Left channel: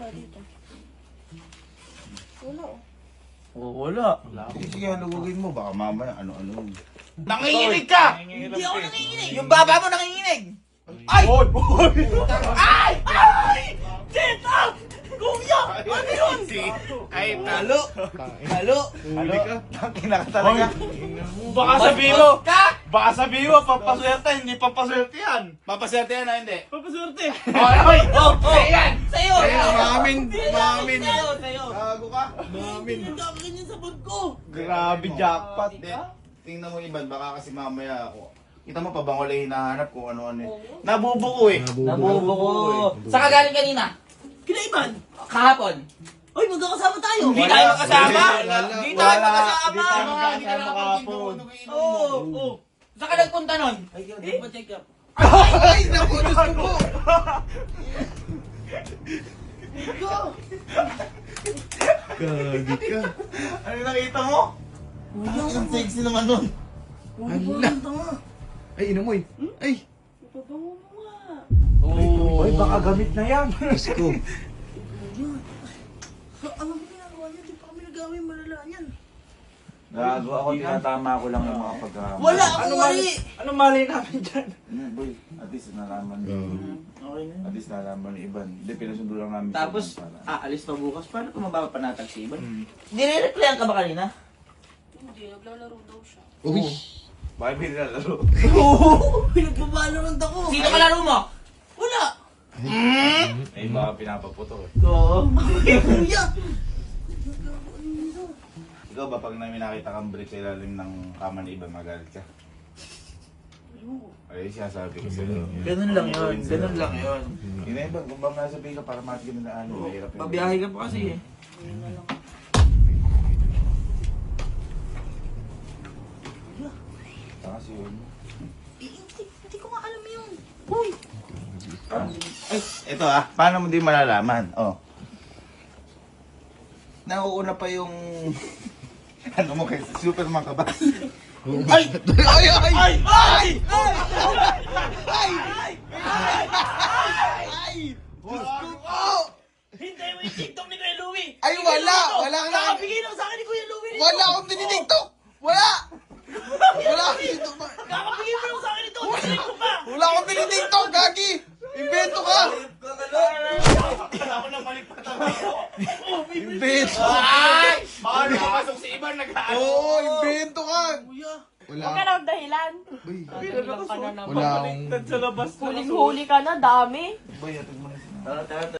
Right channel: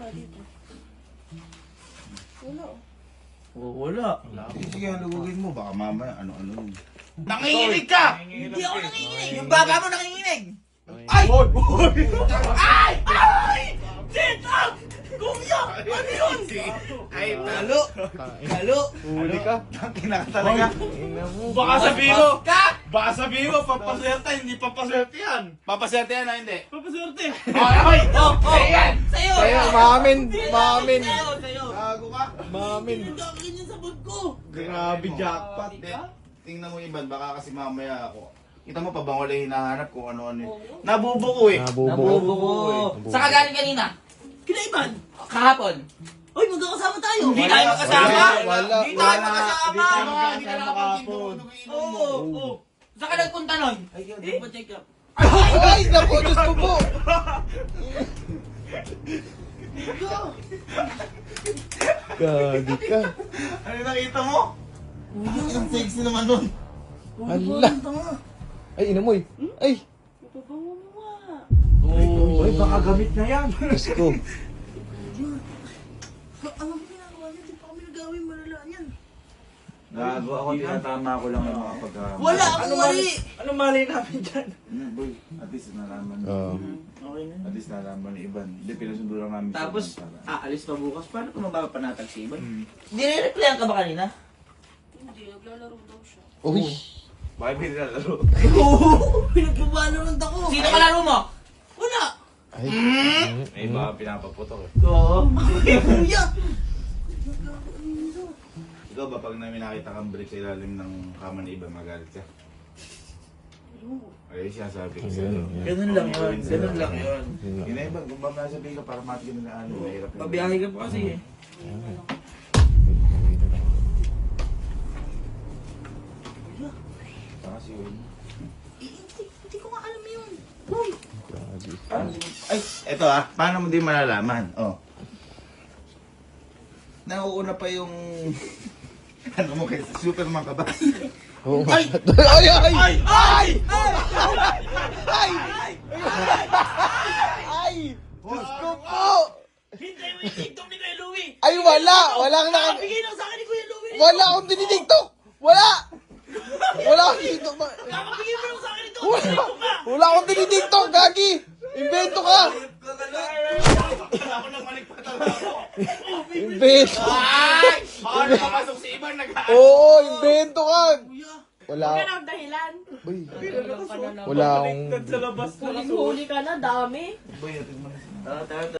wala dito. Wala oh. Oh, wala. Sige, halugugin mo. Baka mamaya ano-ano. Nanginginig ka! Hindi ako nanginginig. Yung baba mo nanginginig! Ay! Ay! Ay! Tita! Kuya! Ano yun? Ay, Halo! Halo! halo ka? Takina ka talaga. Baka sabihin mo! Ka! Baka sabihin mo, pampaswerte, hindi pampaswerte yan! Papaserte yan o hindi? Pampaswerte! Oy, oy! Oh, oh! Ayan! Sa'yo! Maamin, Sa'yo, maamin. sa'yo! Gago ka. Maamin. Nagkakaganyan sa bag ko! Grabe jackpot! Hindi. Tingnan mo Iban, baka kasi mamaya ako. Kita mo pa bang wala hinahanap kung ano-ano eh. Nabubuko eh. Nabubuko! Saan ka galing kanina? Kila Iban! Kahapon! Uy, magkakasama tayo! Hindi tayo magkasama! Wala. Hindi tayo Wala. magkasama! Hindi tayo Hindi magkasama tayo kahapon. Oo! Oo! Saan ka nagpunta nun? Ay, di ba check up? Ay, naku, gusto ko. Gagi ka. Ano yung nakita mo? Ang sexy naman nun. Hala. Ay, inamoy. Ay. Ipabango mo nga. Oh! Ay, baka gamit na yan! Diyos ko. Ano ba ginagawa niya? Di pa kami nagawin malala yan. Gago ako, tinatama ko lang yung mga pagkakama. Wala akong mali! Anong mali namin dyan? Boy, at least nalaman. Okay na. At least nalaman ni Iban. Hindi, pinasundo lang namin. siya Tapos, para. aalis pa bukas. Paano kung mapapanatag si Iban? Nire-replyan ka ba kanina? Hindi, naglalaro daw siya. Uy. Bakit may nilalaro? Pinagpabalorant ako. Sino kalaro mo? Wala. May iba pinapaputok eh. Oo. Kuya! Ikaw ba pag namin nakita kang break sa ilalim ng kama ni Iban, magalit ka? Ay, sinasabi ko sa'yo. Ganun lang yun. Ganun lang yun. Hindi na Iban, kung ba nasabihin ka para matigyan nila ano, mahirap yun. Pabiyahe ka pa kasi eh. Kasi yun. Hindi ko nga alam yun. Ay, eto paano mo din malalaman? Oh. Nauuna pa yung... ano mo kay Superman ka ba? Ay! Ay! Ay! Ay! Ay! Gusto ko! Hintay mo yung TikTok ni Kuya Louie! Ay, wala! Walang Nakabigay lang sa akin ni Kuya Louie nito! Wala akong dinidigtok! Wala! Wala akong dinidigtok! Nakabigay mo lang sa akin ito! TikTok ka! Wala akong dinidigtok, Gagi! Invento ka! Wala ko nang maligpat ako. Invento! Ay! Baka nakapasok si Iban Oo, invento ka! Wala Huwag ka na magdahilan. Uy, Dahilan ka na naman. wala akong... Sa labas na. Huling-huli ka na, dami. Boy, atid mo na siya. Tara, tara,